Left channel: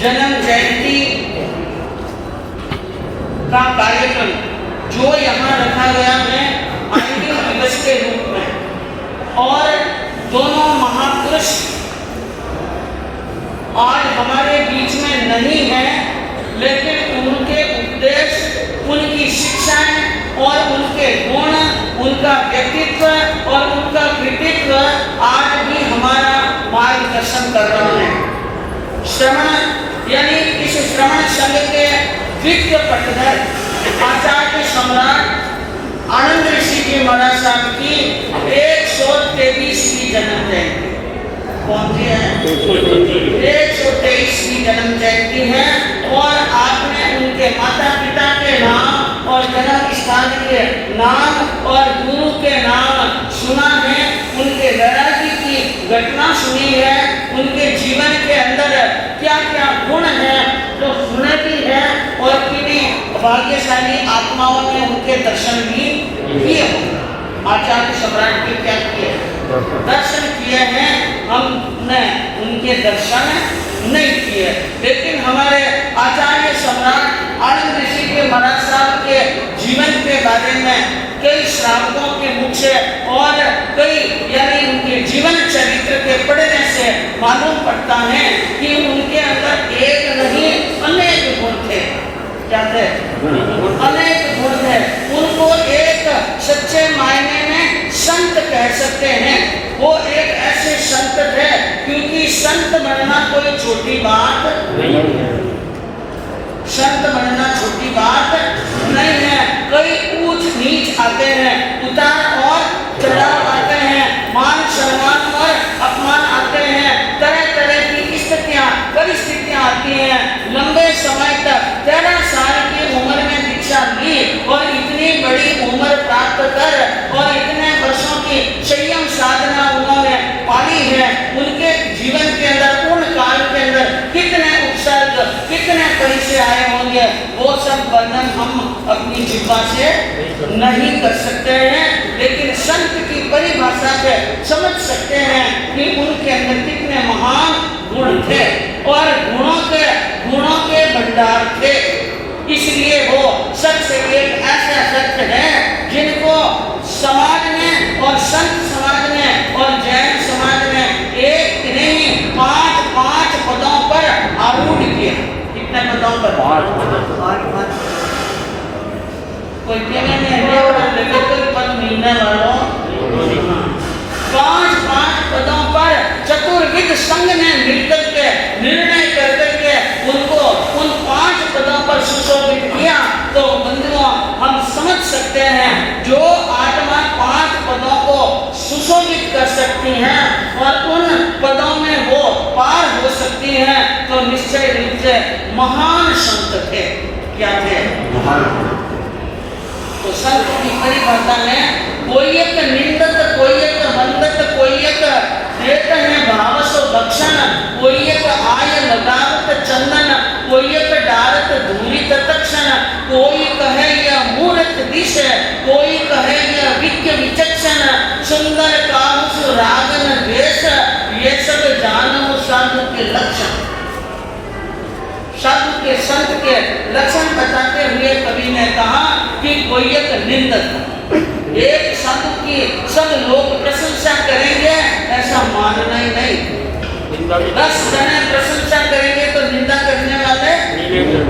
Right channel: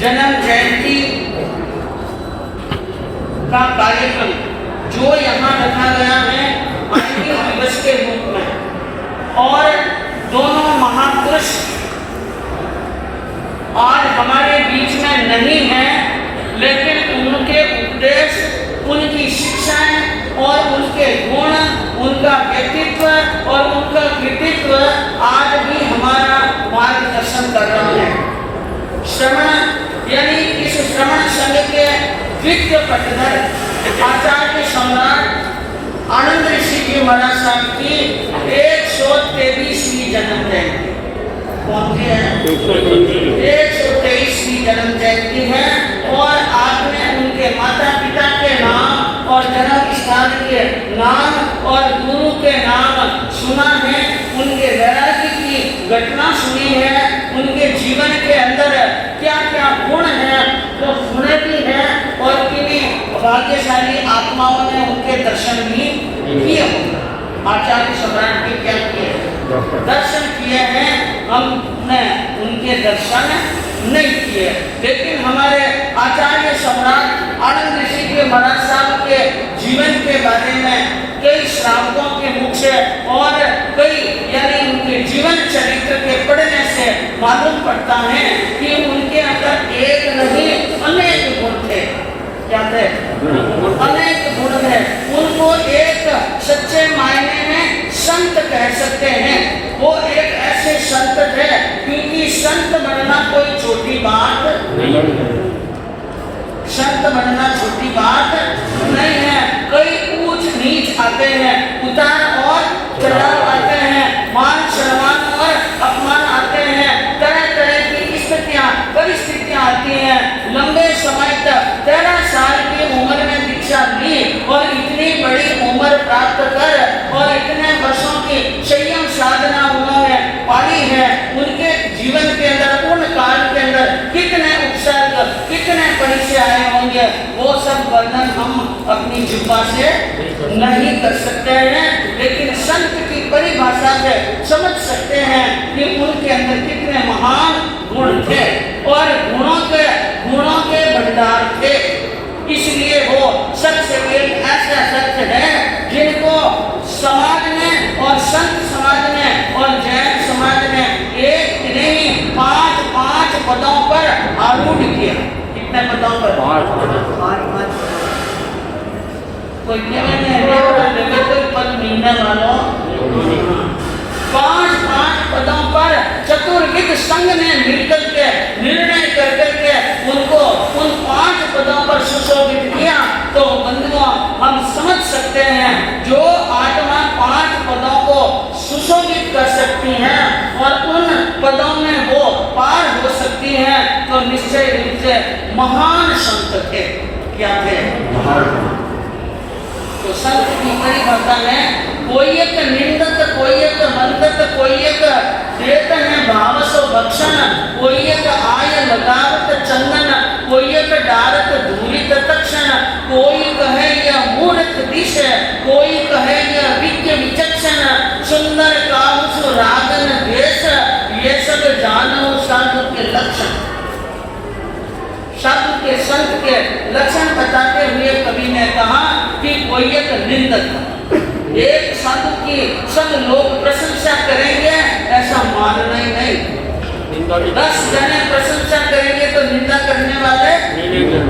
जन्म जयंती का कार्यक्रम जो यहाँ रखा गया है अंतिम दिवस के रूप में, और दोनों महापुरुष आज हमारे बीच में नहीं हैं, लेकिन उनके उपदेश, उनकी शिक्षाएं और उनके गुण, उनका व्यक्तित्व और उनका कृतित्व आज भी हमारा मार्गदर्शन कर रहे हैं। श्रवण यानी इस श्रवण संघ के द्वितीय पटधर आचार्य सम्राट आनंद ऋषि जी महाराज साहब की 123वीं जन्म जयंती। कौन सी है? 123वीं जन्म जयंती है। और आपने उनके माता पिता के नाम और जन्म स्थान के नाम और गुरु के नाम सुना है, उनके वैराग्य की घटना सुनी है, उनके जीवन के अंदर क्या क्या गुण हैं तो सुने भी हैं, और किन्हीं भाग्यशाली आत्माओं ने उनके दर्शन भी किए होंगे। आचार्य सम्राट के क्या किए? दर्शन किए हैं, हमने उनके दर्शन नहीं किए। लेकिन हमारे आचार्य सम्राट आनंद ऋषि के महाराज साहब के जीवन के बारे में कई श्रावकों के मुख से और कई यानी उनके जीवन चरित्र के पढ़ने से मालूम पड़ता है कि उनके अंदर एक नहीं अनेक गुण थे। क्या थे? अनेक गुण थे। उनको एक सच्चे मायने में संत कह सकते हैं। वो एक ऐसे संत थे, क्योंकि संत बनना कोई छोटी बात नहीं, संत बनना छोटी बात नहीं है। कई ऊंच नीच आते हैं, उतार और चढ़ाव आते हैं, मान सम्मान और अपमान आते हैं, तरह तरह की स्थितियां परिस्थितियां आती हैं। लंबे समय तक 13 साल की उम्र में दीक्षा ली और इतनी बड़ी उम्र प्राप्त कर और इतने वर्षों की संयम साधना उन्होंने पाली है। उनके जीवन के अंदर उन काल के अंदर कितने उपसर्ग, कितने परिचय आए होंगे, वो सब वर्णन हम अपनी जिह्वा से नहीं कर सकते हैं, लेकिन संत की परिभाषा से समझ सकते हैं कि उनके अंदर कितने महान गुण थे और गुणों के भंडार थे। इसलिए वो सबसे एक ऐसा सत्य है जिनको समाज ने और संत समाज ने और जैन समाज ने एक नहीं 5 पदों पर आरूढ़ किया। कितने पदों पर? 5 कोई पद मिलने वालों 5 पदों पर चतुर्विद संघ ने मिलकर के निर्णय करके उनको उन 5 पदों पर सुशोभित किया। तो बंधुओं, हम समझ सकते हैं जो आत्मा 5 पदों को सुशोभित कर सकती हैं और उन पदों में वो पार हो सकती हैं, तो निश्चय रूप से महान संत थे। क्या थे? तो संत की परिभाषा में कोई एक निंदत, कोई एक वंदत, कोई एक देत है भावस भक्षण, कोई एक आय लगावत चंदन, कोई एक डारत धूलित तक्षण, कोई कहे यह मूर्ख दिश, कोई कहे यह विज्ञ विचक्षण, सुंदर काहुसु रागन वेश, ये सब जानो साधु के लक्षण। साधु के संत के लक्षण बताते हुए कवि ने कहा कि कोई एक निंदक, एक साधु की सब लोग प्रशंसा करेंगे ऐसा मानना ही नहीं। 10 जने प्रशंसा करेंगे तो निंदा करने वाले,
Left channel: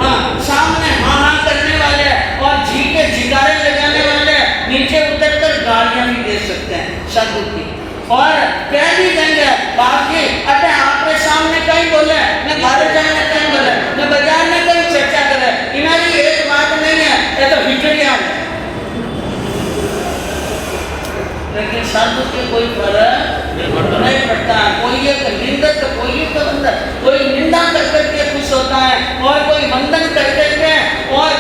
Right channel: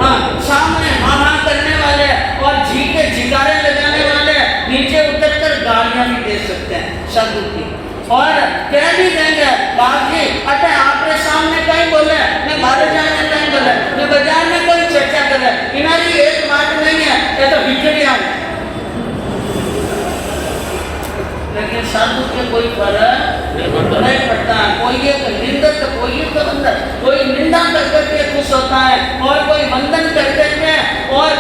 हाँ सामने हाँ करने वाले और झीके झिकारे लगाने वाले नीचे उतर कर गालियां भी दे सकते हैं साधु की, और कह भी देंगे बाकी अटे आपके सामने कहीं बोले न भारत में कहीं बोले न बाजार में कोई चर्चा करे, इनारी एक बात नहीं है, ये तो हिजड़ियां है। लेकिन साधु के कोई फर्क नहीं पड़ता। कोई एक निंदक, कोई एक वंदक, कोई निंदा कर करके खुश होता है और कोई वंदन कर करके और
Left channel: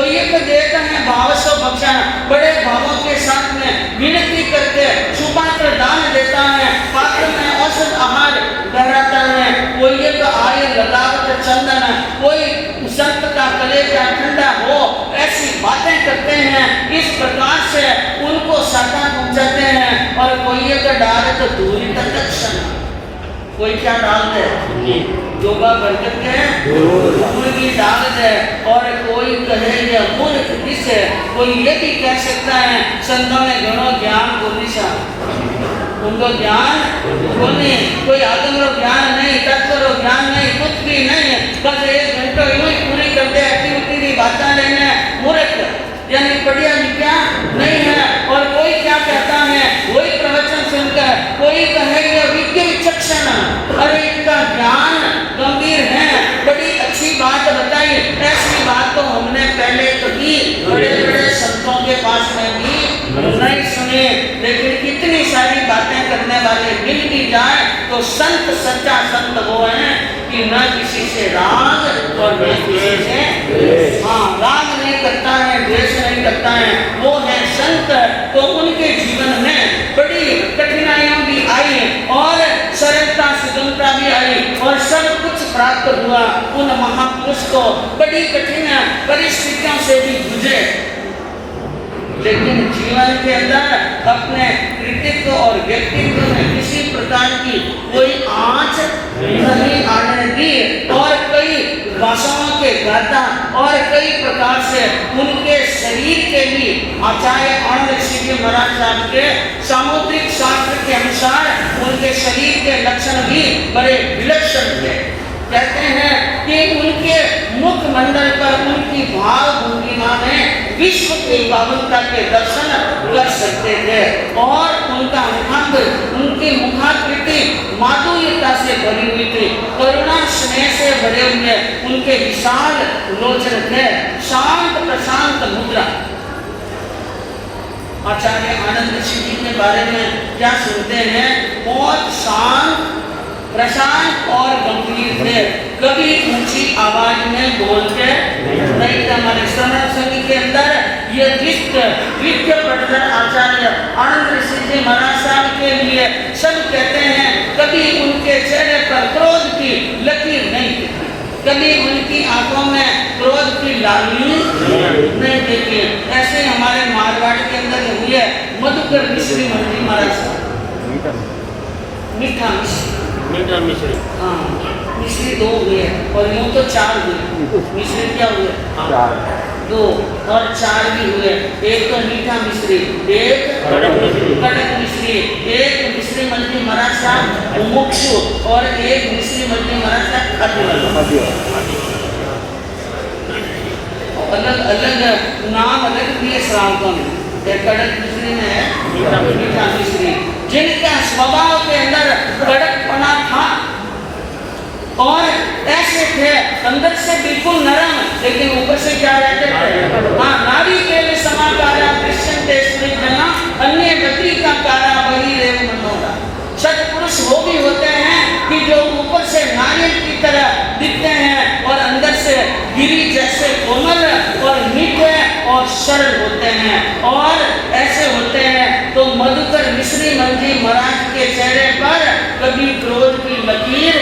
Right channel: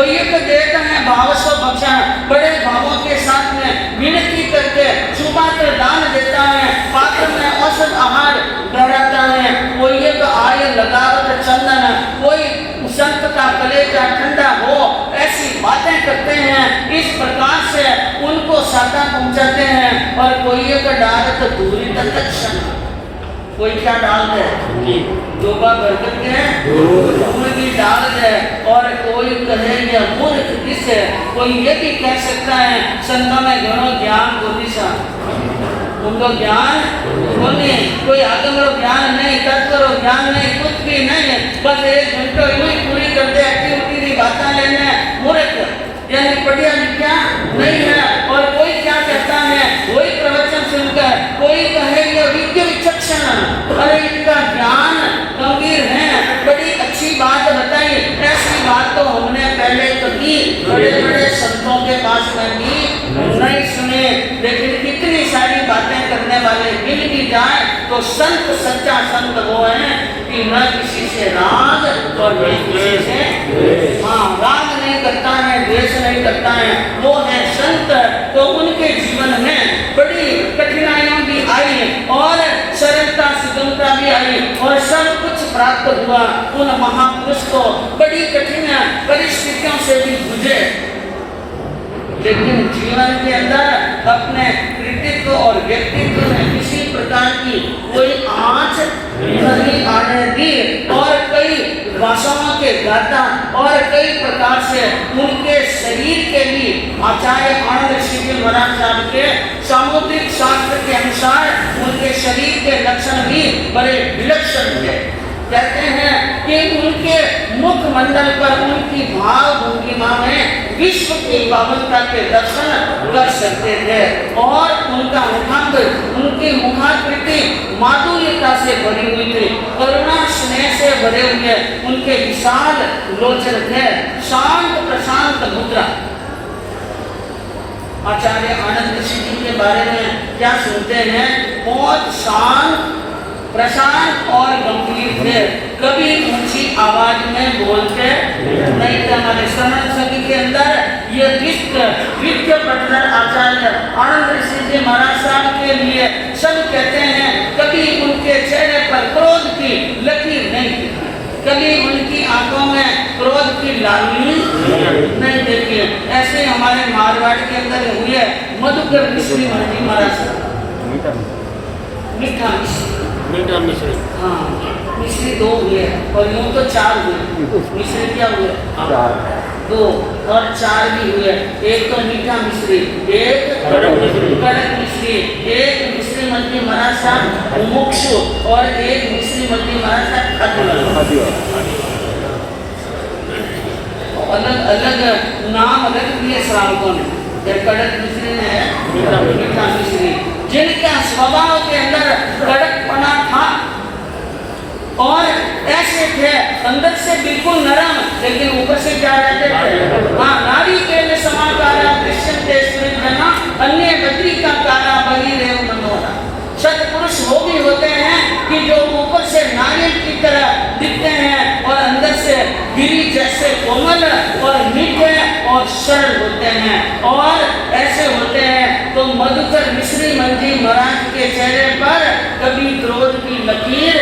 कोई एक देता है भावस्व भक्षण, बड़े भावों के साथ में विनती करके सुपात्र दान देता है, पात्र में औषध आहार डराता है। कोई एक आय लगावत चंदन, कोई संत का कलेजा ठंडा हो, ऐसी बातें करते हैं। इस प्रकार से उनको साधा पहुंचाते हैं। और कोई एक डालत दूरी तक क्षण, कोई क्या डाल दे, जोगा बरगद के दूर की डाल दे। और कोई कहे ये मूर्ख किस है, कोई ये भी कह सकता है संतों में घणो ज्ञान को दिशा, उनको ज्ञान बोलने, कोई आगम लो ज्ञान नहीं, तत्व लो ज्ञान नहीं, कुछ भी नहीं, बस 1 घंटा यूं ही पूरी कर दे, एक्टिविटी की बातें लेने, मूर्ख यानी पढ़िया लिखा नहीं है। और कोई क्या कहता है, वही प्रवचन सुनकर कोई कहे ये विज्ञ विचक्षण, अरे इनका ज्ञान गंभीर है, बड़ी अच्छी बात बताई। ऐसी बात तो हमने पहले कभी बड़े बड़े संतों के पास में भी नहीं सुने। लेकिन इतनी सारी बातें करने वाले मिल भी जाए तो संत सच्चा संत वो है कि न किसी से राग और न किसी से राग नहीं करता है, द्वेष नहीं करता है, वो है संत। तो उनके जीवन में बड़ी कठिनाइयां भी आई और सरलता सुगमता भी आई और सब कुछ प्राप्त हुआ। उन महापुरुष को बड़ी कठिन परिस्थितियों से भी जूझे, लेकिन जीवन के अंदर अपने कृतित्व और व्यक्तित्व में किसी प्रकार की कोई आँच नहीं आने दी। और कई भाषाओं के गाथा और कई प्रकार से उनके शरीर के भी आचार्य आनंद ऋषि जी महाराज साहब के सामुद्रिक शास्त्र के अनुसार उनके शरीर के लक्षण भी बड़े विलक्षण थे। कहते हैं कि उनके मुख मंडल पर उनकी भाव भंगिमा में विश्व की पावनता के दर्शन कर सकते थे। और उनका मुखांत, उनकी मुखाकृति माधुर्यता से भरी हुई थी, करुणा स्नेह से भरे हुए उनके विशाल लोचन थे, शांत प्रशांत मुद्रा। आचार्य आनंद ऋषि जी के बारे में क्या सुनते हैं, बहुत शांत प्रशांत और गंभीर थे, कभी ऊंची आवाज में बोलते नहीं थे। हमारे श्रवण संघ के अंदर ये विद्य प्रकरण आचार्य आनंद ऋषि जी महाराज साहब के लिए सब कहते हैं, कभी उनके चेहरे पर क्रोध की लकीर नहीं थी, कभी उनकी आंखों में क्रोध की लाली नहीं देखी। ऐसे हमारे मारवाड़ के अंदर हुए मधुकर मिश्री मंत्री महाराज साहब, मीठा मिश्री, हाँ मिश्री 2 हुए और यूं तो 4 हुए। मिश्री क्या हुए? 2 और 4 भी हुए। एक तो मीठा मिश्री, एक कड़क मिश्री, एक मिश्री मंत्री महाराज साहब मुमुक्षु और एक मिश्री मंत्री महाराज साहब खाद्य। अलग अलग नाम अलग दिए श्रावकों ने, कड़क मिश्री में मीठा मिश्री, जिनका स्वभाव के अंदर कड़कपना था और ऐसे थे अंदर से बिल्कुल नरम, लेकिन ऊपर से क्या रहते थे, हाँ नारी के समाकारा दृश्यन्ते स्त्रीजना अन्य व्यक्ति का कारा बहिरेव मनोरा। सत्पुरुष वो भी होते हैं कि जो ऊपर से नारियल की तरह दिखते हैं और अंदर से गिरी जैसे कोमल और मीठे और सरल होते हैं। और ऐसे होते हैं तो मधुकर मिश्री मंत्री महाराज के चेहरे पर कभी क्रोध की लकीर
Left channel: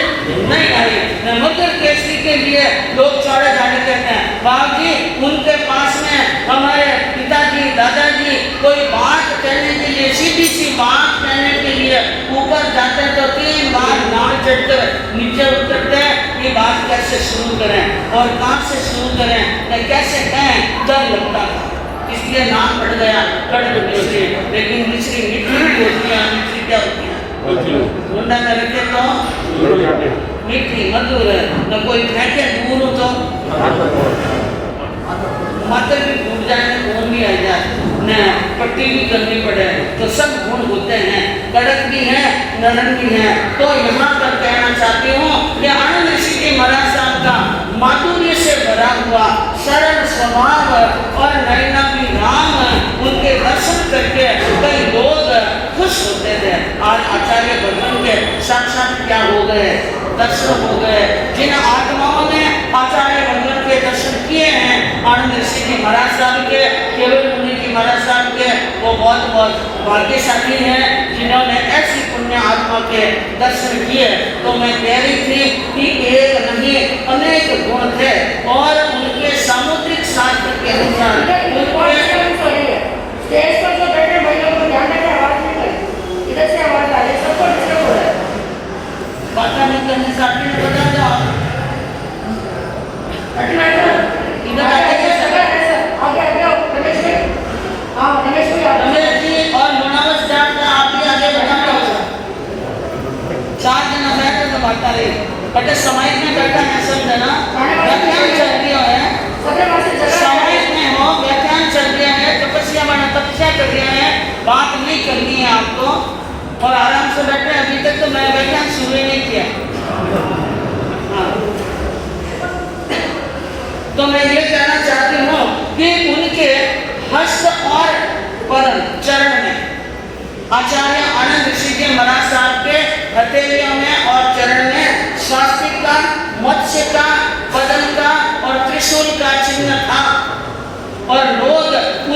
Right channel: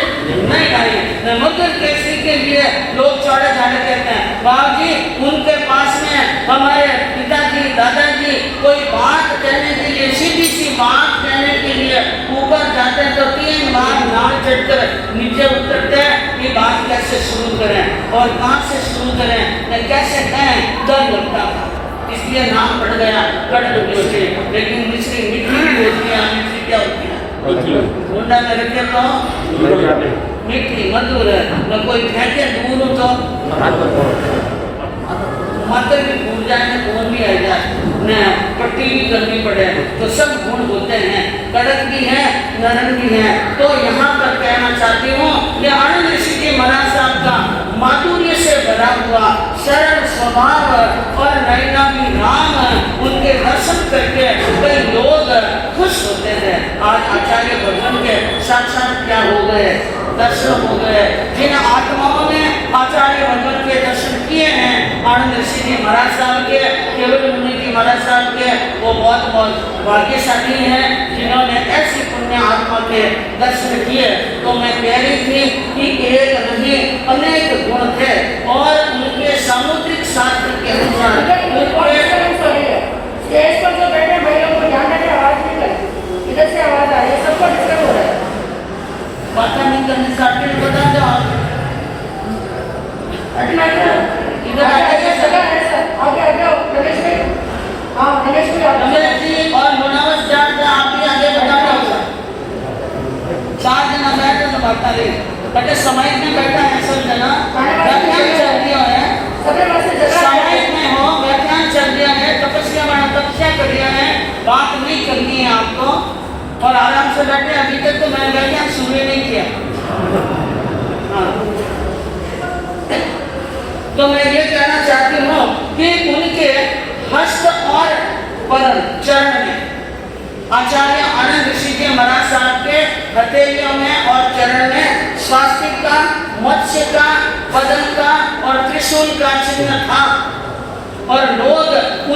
नहीं आई। मधुकर केसरी के लिए लोग चौड़े झाड़े कहते हैं, बाबू जी उनके पास में हमारे पिताजी दादाजी कोई बात कहने के लिए, सीधी सी बात कहने के लिए ऊपर जाते तो 3 बार नाव चढ़कर नीचे उतरते, ये बात कैसे शुरू करें और कहाँ से शुरू करें, कैसे कहें, डर लगता था, इसलिए नाम पड़ गया कड़क मिश्री। लेकिन मिश्री मीठी होती है, मिश्री क्या होती है, मुंडा में रखे तो मीठी मधुर है, न कोई फेंके दूर हो तो मात्र भी भूल जाए, कौन भी आ जाए, न पट्टी भी करनी पड़े, तो सब गुण होते हैं, कड़क भी है नरम भी है। तो यहाँ पर कहना चाहती हूँ कि आनंद ऋषि के महाराज साहब का माधुर्य से भरा हुआ सरल स्वभाव और नयनाभिराम उनके दर्शन करके कई लोग खुश होते थे। आज आचार्य भगवान के साक्षात क्या हो गए, दर्शन हो गए। जिन आत्माओं ने आचार्य भगवान के दर्शन किए हैं, आनंद ऋषि जी महाराज साहब के, केवल मुनि जी महाराज साहब के, वो बहुत बहुत भाग्यशाली हैं जिन्होंने ऐसी पुण्य आत्मा के दर्शन किए। तो मैं कह रही थी कि एक नहीं अनेक गुण थे और उनके सामुद्रिक शास्त्र के अनुसार स्टेज पर जो बैठे हैं भाई लोग ध्यान रखें, आवाज नहीं करे, इधर से आवाज आ रही है, सबको डिस्टर्ब हो रहा है। बात नहीं करने से आपको नहीं पता क्या इधर आगे रमेश भाई, हाँ रमेश भाई, रमेश जी और मुनावर साहब आप भी आगे बढ़ाना होगा। 4 जना बैठे तो बात रही बटे समय में बैठा है सब जना, व्याख्यान चल दिया है, समय में हो व्याख्यान चल दिया है, तपस्या बना तपस्या कर दिया है, बात नहीं करनी है आपको और आराम से बैठे। अभी तक तो मैं व्याख्यान शुरू ही नहीं किया। हाँ, तो मैं ये कहना चाहती हूँ कि उनके हस्त और पदम चरण में आचार्य आनंद ऋषि जी महाराज साहब के हथेलियों में और चरण में स्वास्तिक का, मत्स्य का, पदम का और त्रिशूल का चिन्ह था और लोग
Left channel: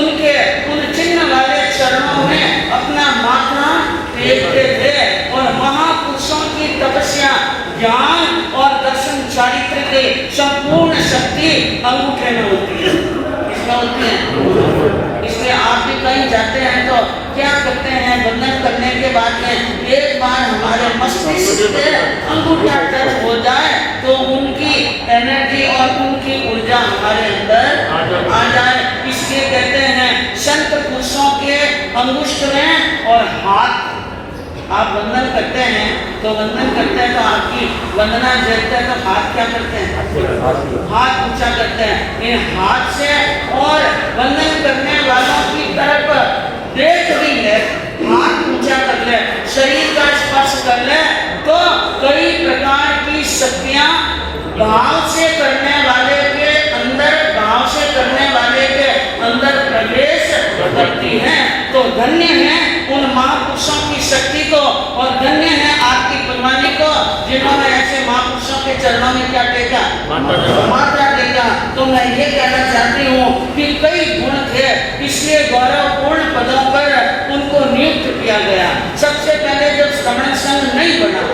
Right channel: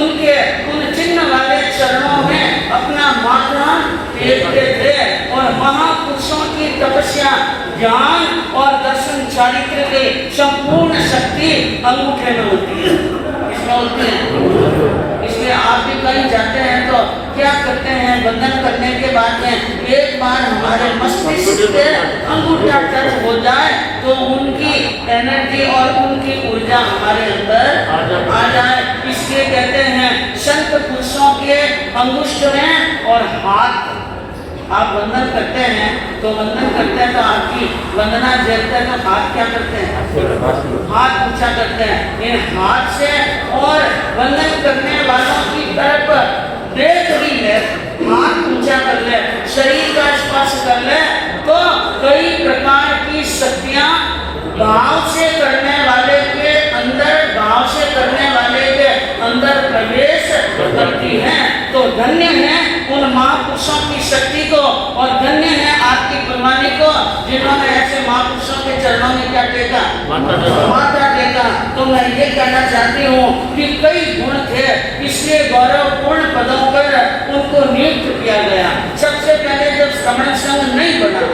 उनके उन चिन्ह वाले चरणों में अपना माथा टेकते थे और महापुरुषों की तपस्या, ज्ञान और दर्शन चारित्र की संपूर्ण शक्ति अंगूठे में होती है, इसमें होती है। इसलिए आप भी कहीं जाते हैं तो क्या करते हैं, वंदन करने के बाद में एक बार हमारे मस्तिष्क पे अंगूठा टच हो जाए तो उनकी एनर्जी और उनकी ऊर्जा हमारे अंदर आ जाए। इसलिए कहते हैं संत पुरुषों के अंगुष्ठ में और हाथ, आप वंदन करते हैं तो वंदन करते हैं तो आपकी वंदना जलते हैं तो हाथ क्या करते हैं, हाथ ऊंचा करते हैं। इन हाथ से और वंदन करने वालों की तरफ देख भी ले, हाथ ऊंचा कर ले, शरीर का स्पर्श कर ले तो कई प्रकार की शक्तियां भाव से करने वाले के अंदर, भाव से करने वाले के अंदर प्रवेश करती हैं। तो धन्य है उन महापुरुषों की शक्ति को और धन्य है आपकी परवानी को जिन्होंने ऐसे महापुरुषों के चरणों में क्या टेका, माथा टेका। तो मैं ये कहना चाहती हूँ कि कई गुण थे, इसलिए गौरवपूर्ण पदों पर उनको नियुक्त किया गया। सबसे पहले जब श्रमण संघ नहीं बना,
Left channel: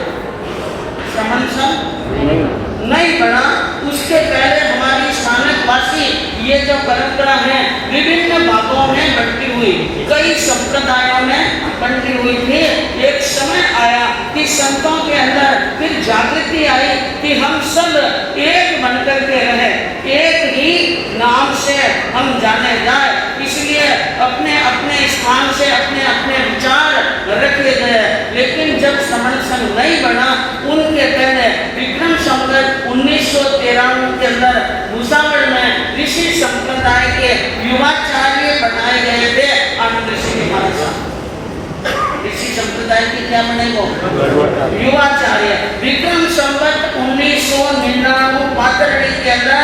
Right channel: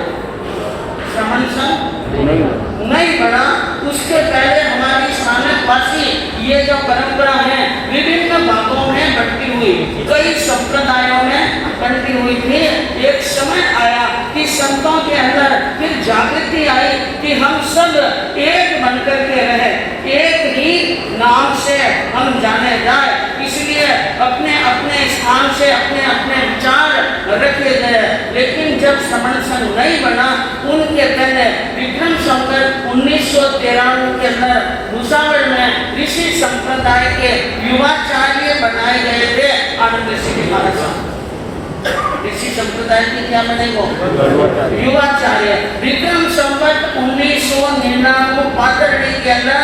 श्रमण संघ नहीं बना, उसके पहले हमारी स्थानकवासी ये जो परंपरा है विभिन्न भागों में बंटी हुई, कई संप्रदायों में बंटी हुई थी। एक समय आया कि संतों के अंदर फिर जागृति आई कि हम सब एक बनकर के रहे, एक ही नाम से हम जाने जाए। इसलिए अपने अपने स्थान से अपने अपने विचार रखे गए। लेकिन जब श्रमण संघ नहीं बना, उनके पहले विक्रम संवत 1993 के अंदर भुसावल में ऋषि संप्रदाय के युवाचार्य बनाए गए थे आनंद ऋषि महाराज साहब। ऋषि संप्रदाय के क्या बनेगो, युवाचार्य। विक्रम संवत 1999 पातरड़ी के अंदर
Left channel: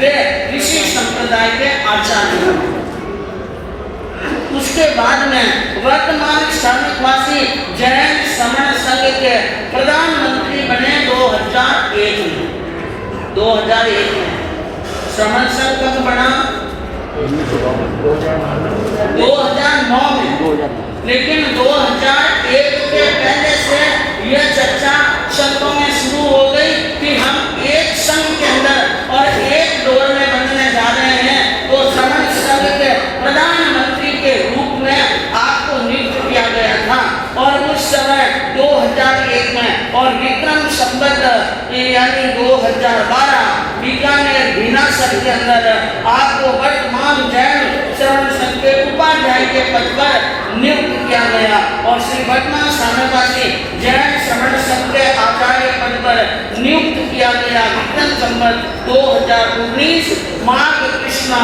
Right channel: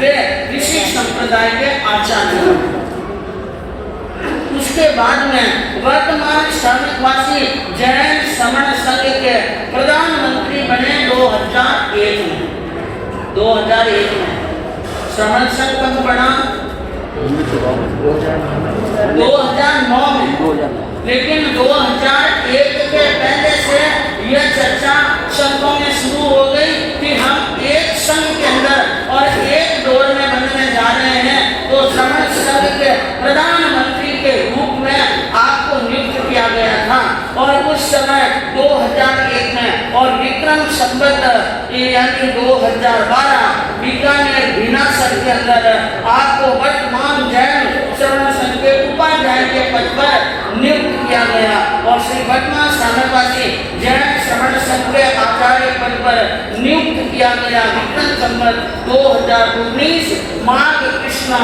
वे ऋषि संप्रदाय के आचार्य। उसके बाद में वर्तमान श्रमिकवासी जैन श्रमण संघ के प्रधानमंत्री बने 2001 में। 2001 में श्रमण संघ कब बना, 2009 में। लेकिन 2001 के पहले से यह चर्चा संघों में शुरू हो गई कि हम एक संघ के अंदर और एक डोर में बनने जा रहे हैं। तो श्रमण संघ के प्रधानमंत्री के रूप में आपको नियुक्त किया गया था और उस समय 2001 में और विक्रम संवत यानी 2012 बीकानेर भीनासर के अंदर आपको वर्तमान जैन श्रमण संघ के उपाध्याय के पद पर नियुक्त किया गया और श्री वर्तमान श्रमणवासी जैन श्रमण संघ के आचार्य पद पर नियुक्त किया गया। विक्रम संवत 2019 माघ कृष्णा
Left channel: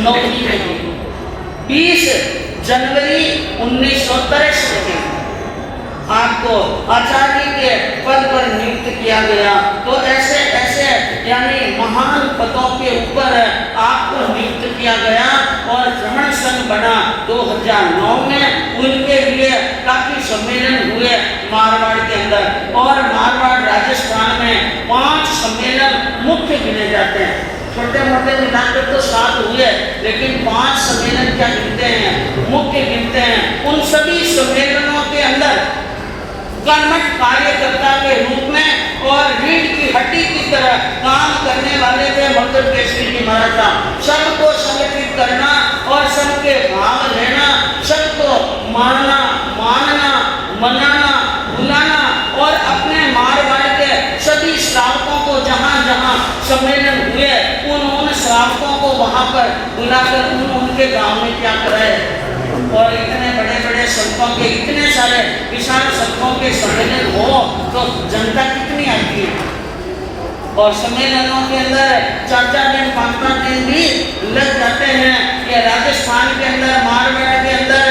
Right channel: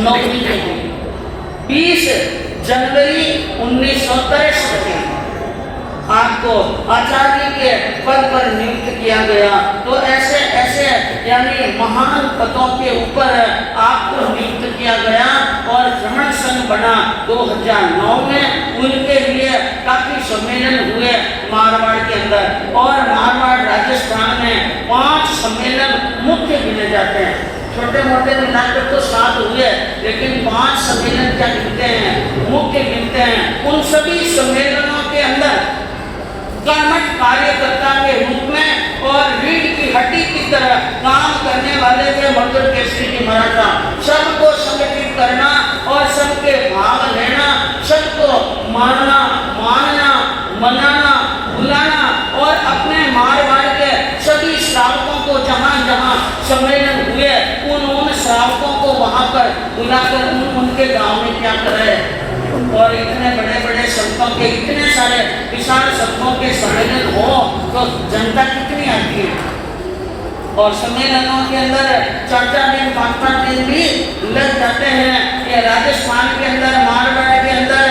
नवमी में 20 जनवरी 1963 में आपको आचार्य के पद पर नियुक्त किया गया। तो ऐसे ऐसे यानी महान पदों के ऊपर आपको नियुक्त किया गया और श्रमण संघ बना 2009 में। उनके लिए काफी सम्मेलन हुए मारवाड़ के अंदर और मारवाड़ राजस्थान में 5 सम्मेलन मुख्य गिने जाते हैं। छोटे मोटे मिलाकर तो 7 हुए, लेकिन 5 सम्मेलन क्या गिनते हैं, मुख्य गिनते हैं। उन सभी सम्मेलनों के अंदर कर्मठ कार्यकर्ता के रूप में और रीढ़ की हड्डी की तरह काम करने वाले थे मंगल केसरी जी महाराज साहब। सबको संगठित करना और सबके भाव लेना, सबको मानना, मनाना, बुलाना और अपने मारवाड़ के सभी श्रावकों को जहाँ जहाँ सम्मेलन हुए उन श्रावकों को वहाँ पर बुलाकर उनके गांव में क्या कराए। और इतने बड़े बड़े संतों के, इतने सारे विशाल संतों के सम्मेलन हो तो जनता कितनी आती है। और सम्मेलनों के अंदर 4-4 दिन 5-5 दिन भी लग जाते हैं। ये राजस्थान के अंदर, मारवाड़ के अंदर,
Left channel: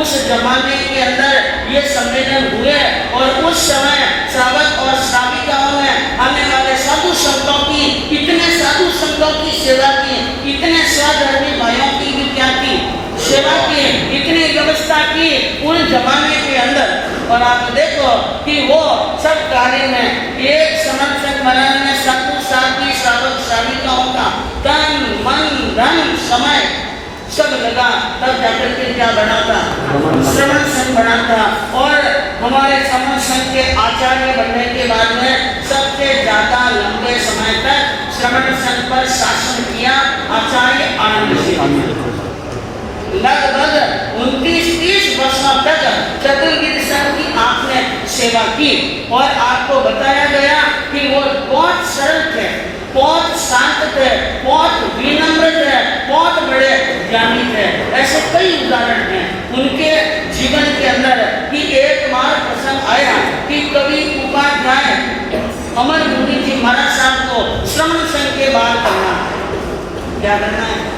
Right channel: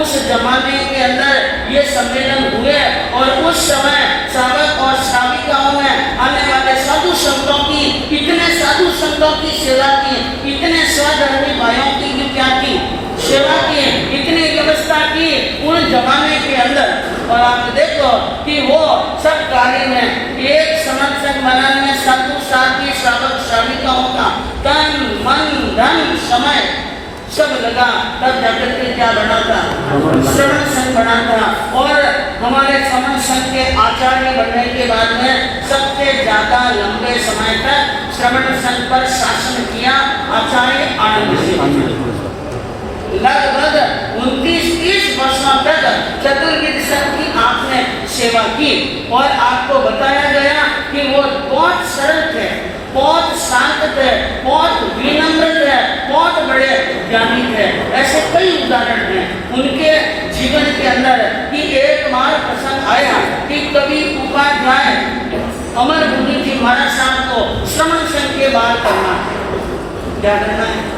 उस जमाने के अंदर ये सम्मेलन हुए और उस समय श्रावक और श्राविकाओं ने आने वाले साधु संतों की, इतने साधु संतों की सेवा की, इतने स्वधर्मी भाइयों की भी क्या की सेवा की, इतनी व्यवस्था की उन जमाने के अंदर। और आप देखो कि वो सब कार्य में एक संरक्षण बनाने साधु साथी श्रावक श्राविकाओं का तन मन धन समय सब लगा, तब जाकर के क्या बना था, श्रवण संघ बना था। और हमारे श्रवण संघ के आचार्य बनने के बाद में सबसे ज्यादा लंबे समय तक श्रवण संघ पर शासन किया आचार्य आनंद सिंह। लगभग 29-30 वर्षों तक चतुर्विद संघ की आपने सेवा की और आपको बताया गया कि वो बहुत सरल थे, बहुत शांत थे, बहुत विनम्र थे, बहुत बड़े ज्ञानी थे। ऐसे कई उदाहरण हैं उनके जीवन के अंदर कि एक बार प्रसंग आया कि कवि उपाध्याय अमर मुनि जी महाराज साहब को श्रवण संघ के बाद करना, क्या करना है,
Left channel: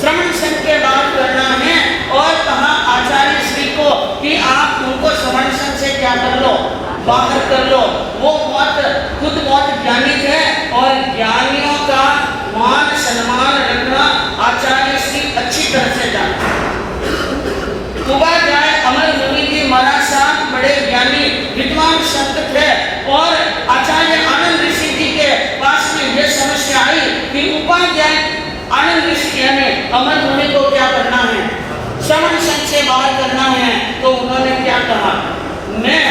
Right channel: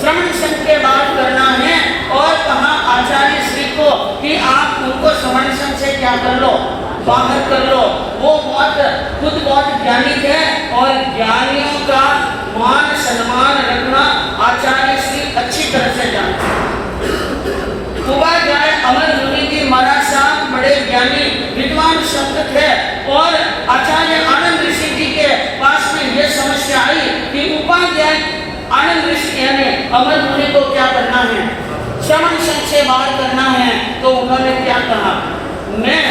श्रवण संघ के बाद करना है। और कहा आचार्य श्री को कि आप उनको श्रवण संघ से क्या कर लो, बाहर कर लो। वो खुद बहुत ज्ञानी थे और ज्ञानियों का मान सम्मान रखना आचार्य श्री अच्छी तरह से जानते हैं। उपाध्याय अमर मुनि जी महाराज साहब बड़े ज्ञानी विद्वान संत थे और आचार्य आनंद ऋषि जी के पास में ये समस्या आई कि उपाध्याय आनंद ऋषि यानी अमर मुनि को क्या करना है, श्रवण संघ से बाहर करना है। तो उन्होंने क्या कहा, मैं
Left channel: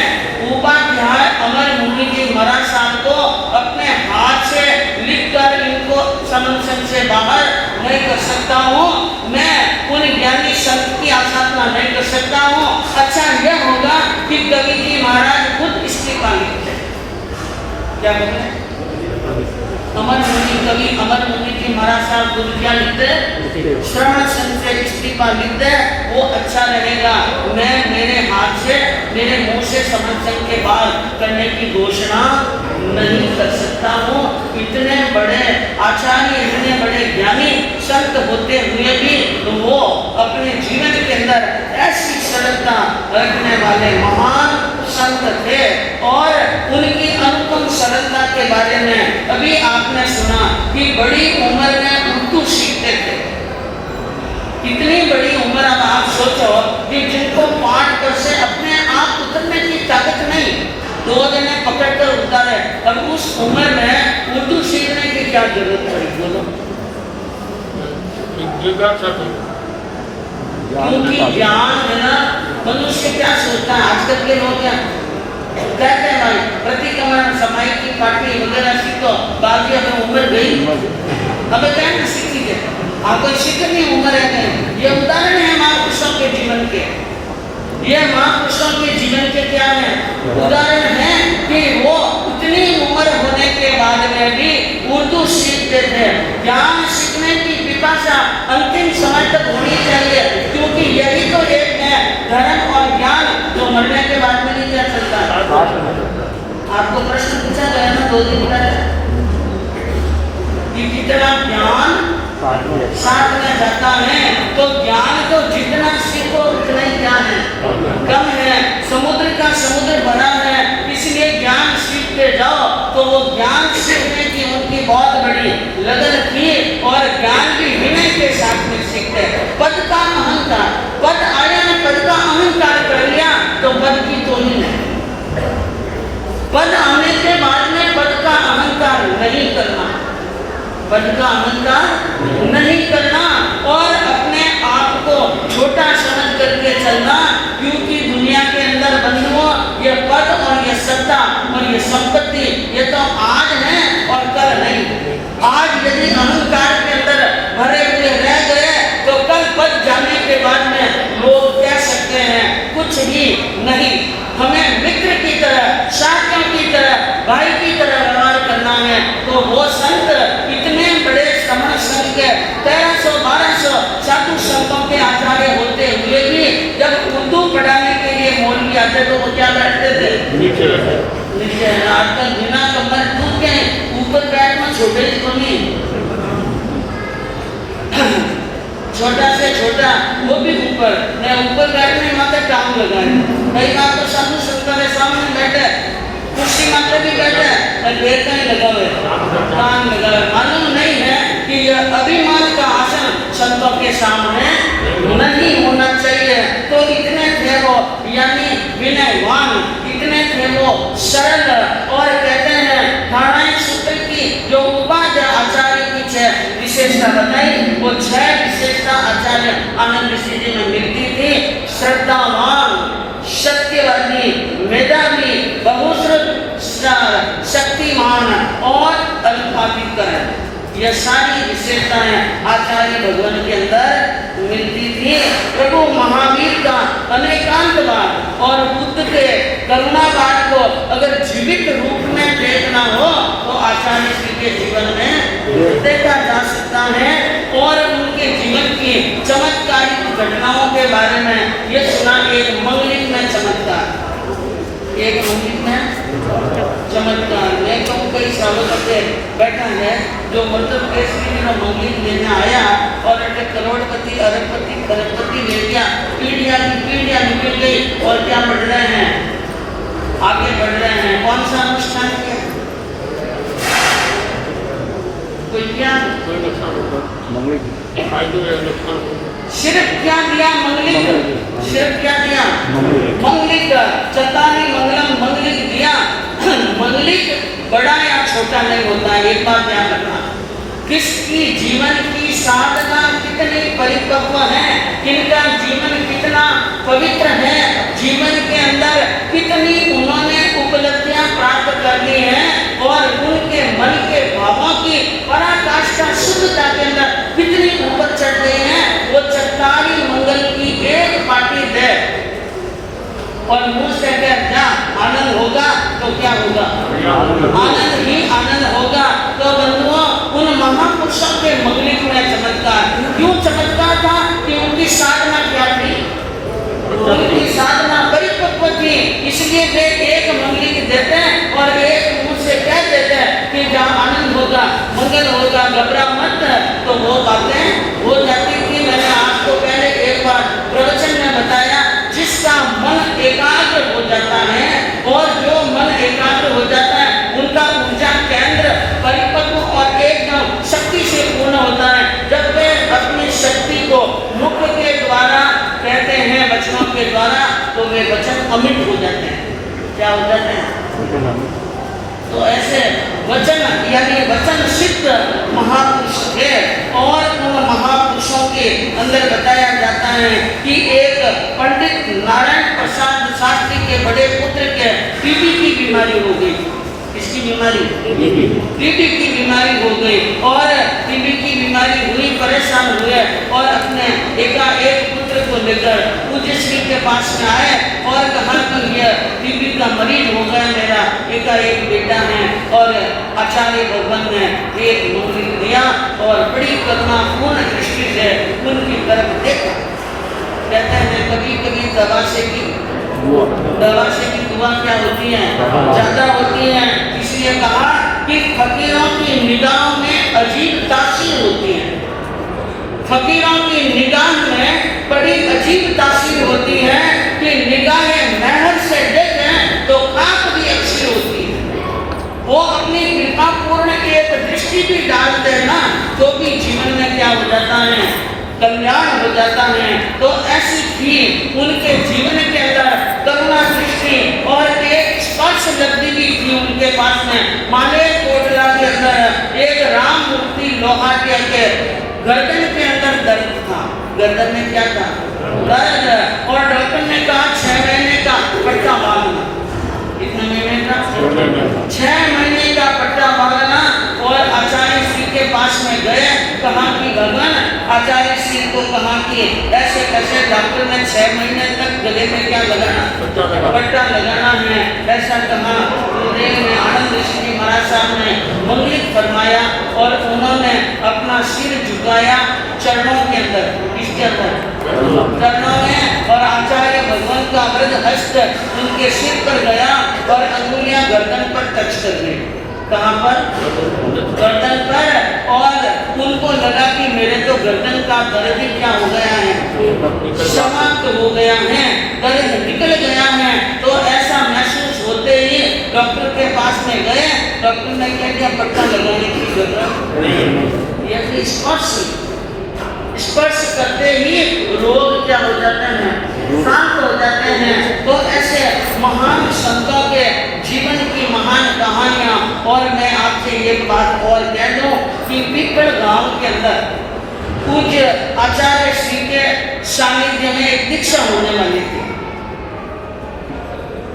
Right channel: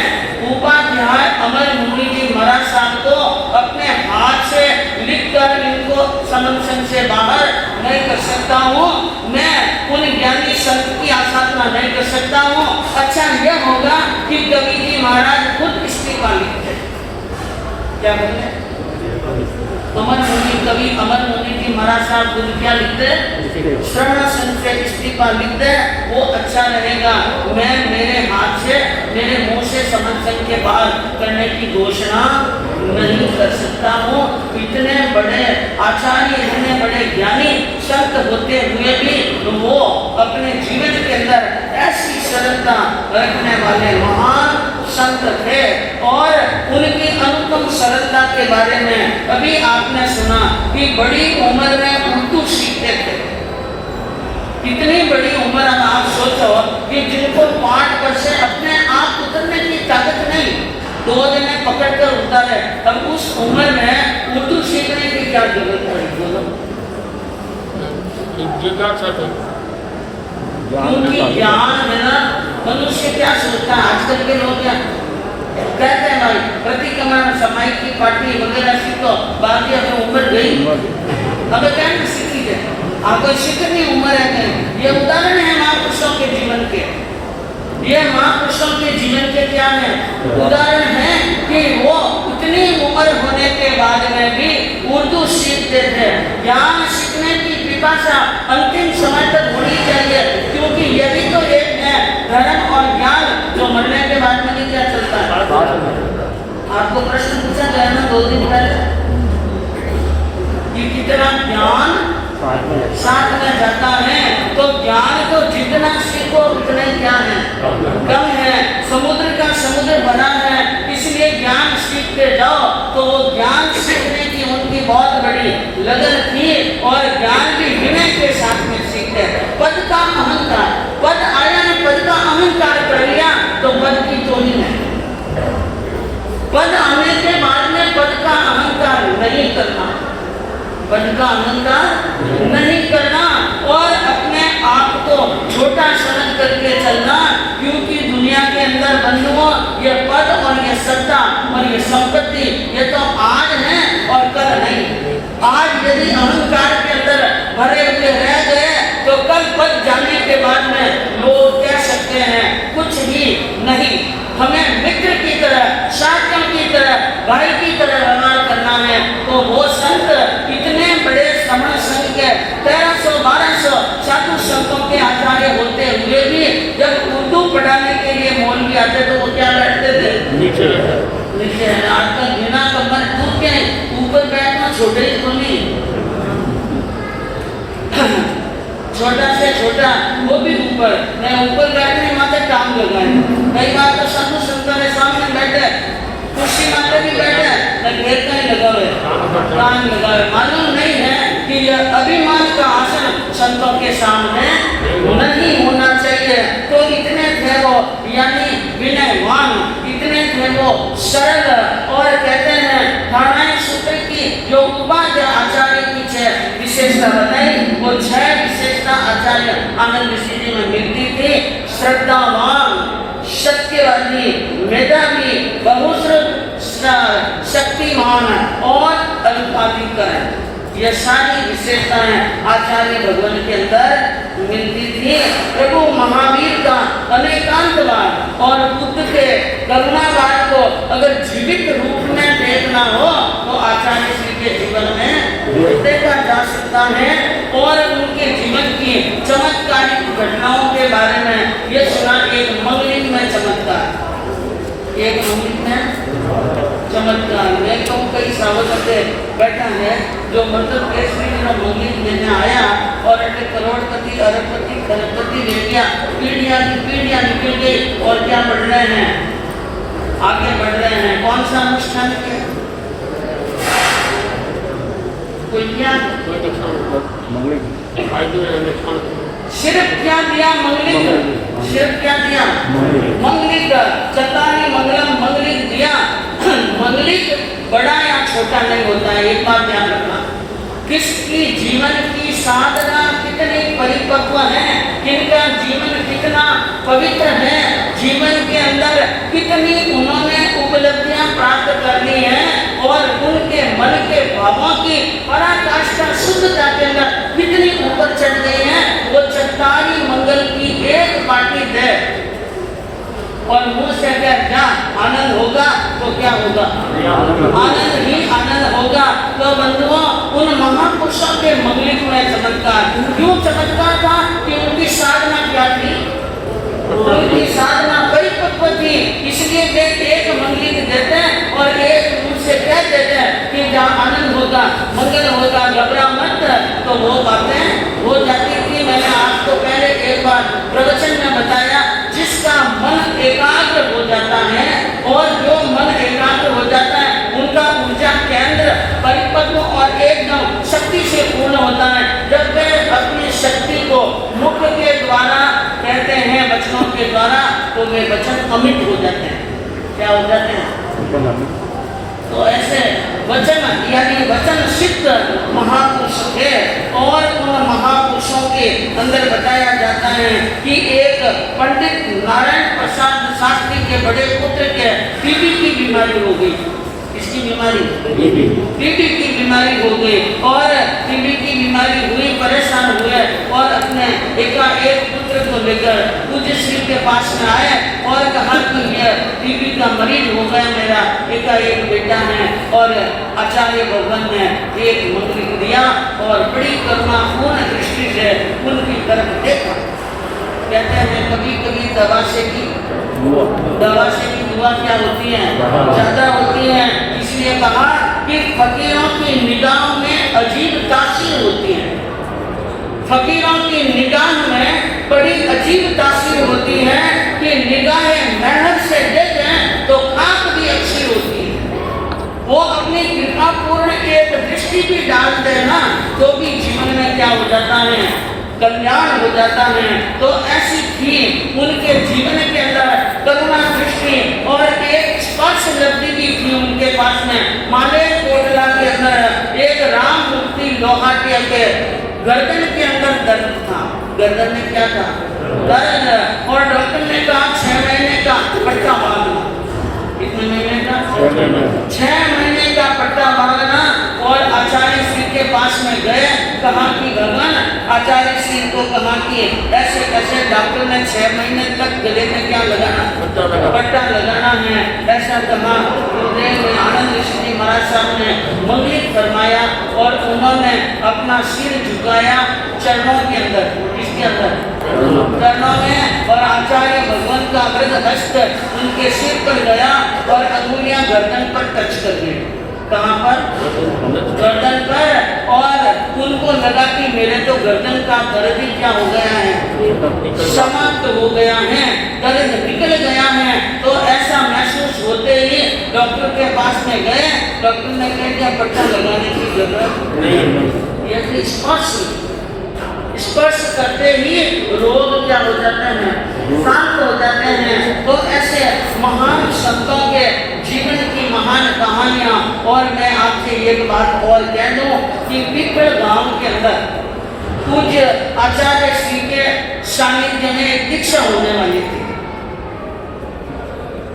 उपाध्याय अमर मुनि जी महाराज साहब को अपने हाथ से लिखकर इनको श्रवण संघ से बाहर नहीं कर सकता हूँ, मैं उन ज्ञानी संत की आसाधना नहीं कर सकता हूँ। अच्छा यह होगा कि कवि जी महाराज खुद इस्तीफा लिखते, क्या बोले, अमर मुनि कवि अमर मुनि जी महाराज साहब खुद क्या लिखते, श्रवण संघ से इस्तीफा लिखते, वो अच्छा रहेगा। मैं मेरे हाथ से, मेरे मुंह से श्रवण संघ के बाद करने की घोषणा नहीं कर सकता हूँ। इतने बड़े आचार्य, इतने बड़े ज्ञानी संत होते हुए भी वो अपने जीवन के अंदर ऐसी सरलता रखने वाले महान संत थे। और उनकी अनुपम सरलता के बारे में अभी आपने सुना कि बड़ी उम्र में उर्दू सीखते थे। इतनी बड़ी उम्र, अब आप सोचो कि जिनको पाठ कर से अपने आप उतरने की ताकत नहीं, 2 जने पकड़ कर उतारे, अब उस उम्र में उर्दू सीखने की क्या जरूरत पड़ी, बोलो। क्योंकि ज्ञान है ना, मनुष्य क्या सोचता है, आजकल के लोग क्या कहते हैं, भाई प्रतिक्रमण समय की पार्टी वगैरह सीखो, बाकी अब उम्र गई, अब क्या ना सीखी है, आपको सीखनी उम्र है नहीं। ये उदाहरण है महापुरुषों के जीवन के, ये महापुरुषों के जीवन के क्या है उदाहरण है कि वो इतनी उम्र होने के बाद में भी उर्दू सीखते थे। ज्ञान सीखने की पिपासा अंतिम समय तक होनी चाहिए, क्योंकि यही तो एक है धर्म और ज्ञान जो मरने के बाद में नहीं क्या चलता है। आपको प्रश्न पूछा गया ना 2 दिन पहले कि कितना ज्ञान साथ में रहता है, तो ज्ञान को जितना सीखो उतना ही क्या है, कम है। समुद्र का समुद्र बना है, इसलिए ज्ञान सीखते जाओ। तो वो ज्ञान सीखने की उनकी बहुत बड़ी लगन थी और ज्ञान भी विनय के साथ में सीखते। पद का अहंकार, पद आया ने पद का अहंकार कर लिया तो पद की तोड़ी नहीं, पद आने के बाद में पद का अहंकार नहीं करना। पद का अहंकार नहीं करना और अपने आप को छोटा समझ करके चलना, क्योंकि दुनिया के अंदर बंधुओं ये पद और ये सत्ता और ये संपत्ति ये तो आज है और कल नहीं। आज यदि अहंकार के अंदर भरे हुए रह गए तो कल पद जाने के बाद में लोग कह सकते हैं कुछ भी नहीं। हमें मित्र की तरह, साथियों की तरह, भाई की तरह व्यवहार करना है। तो वो संत इतने बड़े श्रमण संघ के 1300-1200 साधु संतों के आचार्य होते हुए भी जब उर्दू पढ़ाने के लिए मौलवी आते तो वो क्या बैठते थे? नीचे। आजकल बिना कमर कूद के ऊपर बैठना छोटे तो नहीं, छोटा से छोटा वो भी ऊपर नहीं, ऊपर बैठने माथे टांग लगाए। कई बार तो साधु संतों के सामने बैठे, कुर्सी माथे भी बैठे, घेर नहीं लगा हुए, टांग लगा हुए। मालूम नहीं है कि यह अभिमान का आसन संतों के सामने नहीं होना चाहिए। तो इतने थे वो, यानी विनयवान, इतने थे वो सरल। और कहते हैं नारायण सूत्र की जो उपाध्याय आचार्य की 6 विशेषता बताई, वो 6 विशेषता आचार्य आनंद सिद्धि में मिलती थी। श्रद्धावान, सत्यवादी, मेधावी, बहुश्रुत, शक्तिमान और अल्पाधिकरण, यह सारी विशेषताएं आचार्य भगवान के अंदर मिलती थी। प्रभु महावीर का अनेकांतवाद और बुद्ध के करुणावाद को अगर जीवित रूप में देखना हो तो आचार्य श्री के जीवन में देखा जा सकता है। और उनके जीवन की चमत्कारिक घटनाओं के बारे में ये सुना, एक मंगलिक में चमत्कार, एक मंगलिक में चमत्कार। मैं कहूँ कई सालों से बैठा है जो मध्य प्रदेश में मंगलिक लेने आया और एक करोड़पति, अरबपति, खरबपति ले गया, पीढ़ियाँ की पीढ़ियाँ निकल गई और क्या बढ़ रहे हैं, आगे बढ़ रहे हैं। कौन सा अनुष्ठान किया? कोई क्या सिर्फ क्या दिया? मंगलिक। सिर्फ क्या दिया? मंगलिक। चंदा ने मंगलम मंगलिक दिया। मंगलिक बड़ा या छोटा नहीं होता है, एक बात ध्यान रखना। किसकी जीवन की साधना कितनी परिपक्व है, किनका जीवन कितना पवित्र है, जीवन के अंदर कितनी उन्होंने उपलब्धियां प्राप्त कर ली हैं और उनके मन के भावों की पराकाष्ठा शुद्धता के अंदर कितनी ऊपर चढ़ गई है, वो चट्टारी मंगल की एक पार्टी है। और मुंह से कह जा आनंद होगा तो क्या होगा? आनंद ही आनंद होगा। तो बंधुओं, उन महापुरुषों के मंगलिक में चमत्कार क्यों चमत्कार था कि उनकी साधना क्या थी? उनकी साधना परिपक्व थी, इसलिए वे एक मंगलिक देते हैं और एक मुंह से कह देते हैं कि जहाँ आनंद होगा, मंगल होगा, घबरा मत। तो वो बातें हो जाती थी। मैंने आपको पहले एक बार प्रवचन में बताया, जिसका मन एकाग्र हो जाता है और जो मन एकाग्र हो जाता है उनका ऊर्जा केंद्र परिपक्व और एकदम शक्ति से पूर्ण होता है। जब वे अपनी शक्ति को मुख के द्वारा कहते हैं, वचनों के द्वारा, तो वे वचन अमिट हो जाते हैं। क्या हो जाते हैं? तो ऐसे वचन यानी वचन सिद्ध महापुरुष थे। और उन महापुरुषों के अंदर बताया जाता है कि एक पंडित नारायण प्रसाद शास्त्री के बड़े पुत्र के टीबी की बीमारी हो गई। किसकी बीमारी? टीबी की बीमारी हो गई। और टीबी की बीमारी हुई, परेशान हुए और अपने एक पुत्र को लेकर पूज्य श्री के पास में आए और कहा कि यह टीबी का मरीज हो गया, मेरा एक बेटा है। और आचार्य भगवान ने एक मंगलिक दिया और बड़ी करुणापूर्ण दृष्टि से उनकी तरफ देखा। कहते हैं कभी कभी दवा से की दुआ क्या होती है? ज्यादा होती है। इसलिए कहा कि फकीरों की निगाह में अजीब तासीर होती है। फकीरों की निगाह में बड़ी अजीब तासीर होती है कि निगाह मेहर से देखें तो खाक भी अच्छी होती है। वो अपनी कृपा पूर्ण एक दृष्टि भी डाल देना तो भी जीवन में क्या हो जाता है? कल्याण हो जाता है। तो ऐसी थी उनके जीवन के अंदर करुणा दृष्टि और एक स्पर्श लब्धि भी थी उनके पास में। माले कोटला के अंदर एक राम मूर्ति लोहा के गर्दन के अंदर दर्द था। गर्दन में क्या था? दर्द। और डॉक्टर ने कहा 6 महीने का पट्टा बांधना। कितने महीने का? 6 महीने का पट्टा बांधना। और आचार्य श्री के पास में गए, कहा कि भगवान, आचार्य श्री को कहा कि ऐसे कैसे डॉक्टर ने 6 महीने तक गले में क्या लगाना? पट्टा लगाना है। ऐसा कहा। आनंद ऋषि महाराज साहब ने मंगलिक फरमाया और उन्होंने अपना सिर झुकाया चरणों के अंदर। किसके अंदर? चरणों में। और आचार्य भगवान का वृद्ध हस्त उनके सिर पर गया और अंगुलियां गर्दन पर टच कर गई। कहाँ पर? गर्दन पर। और उनको लगा कि मेरे तो गर्दन का दर्द ही क्या हो गया है? समाप्त हो गया है, दर्द निकल गया है। तो ऐसा महसूस होते ही डॉक्टर के पास में गए। डॉक्टर ने कह दिया पट्टा लगाने की जरूरत नहीं। ये स्पर्श करते ही रोग क्या हो जाते हैं? शांत हो जाते हैं। तो ऐसे महान संतों के जीवन की महान कहानियां। और मैं आपसे एक बात और कह दूं कि पीपल गांव के अंदर पूज्य आचार्य श्री के सानिध्य में एक दीक्षा होने वाली थी।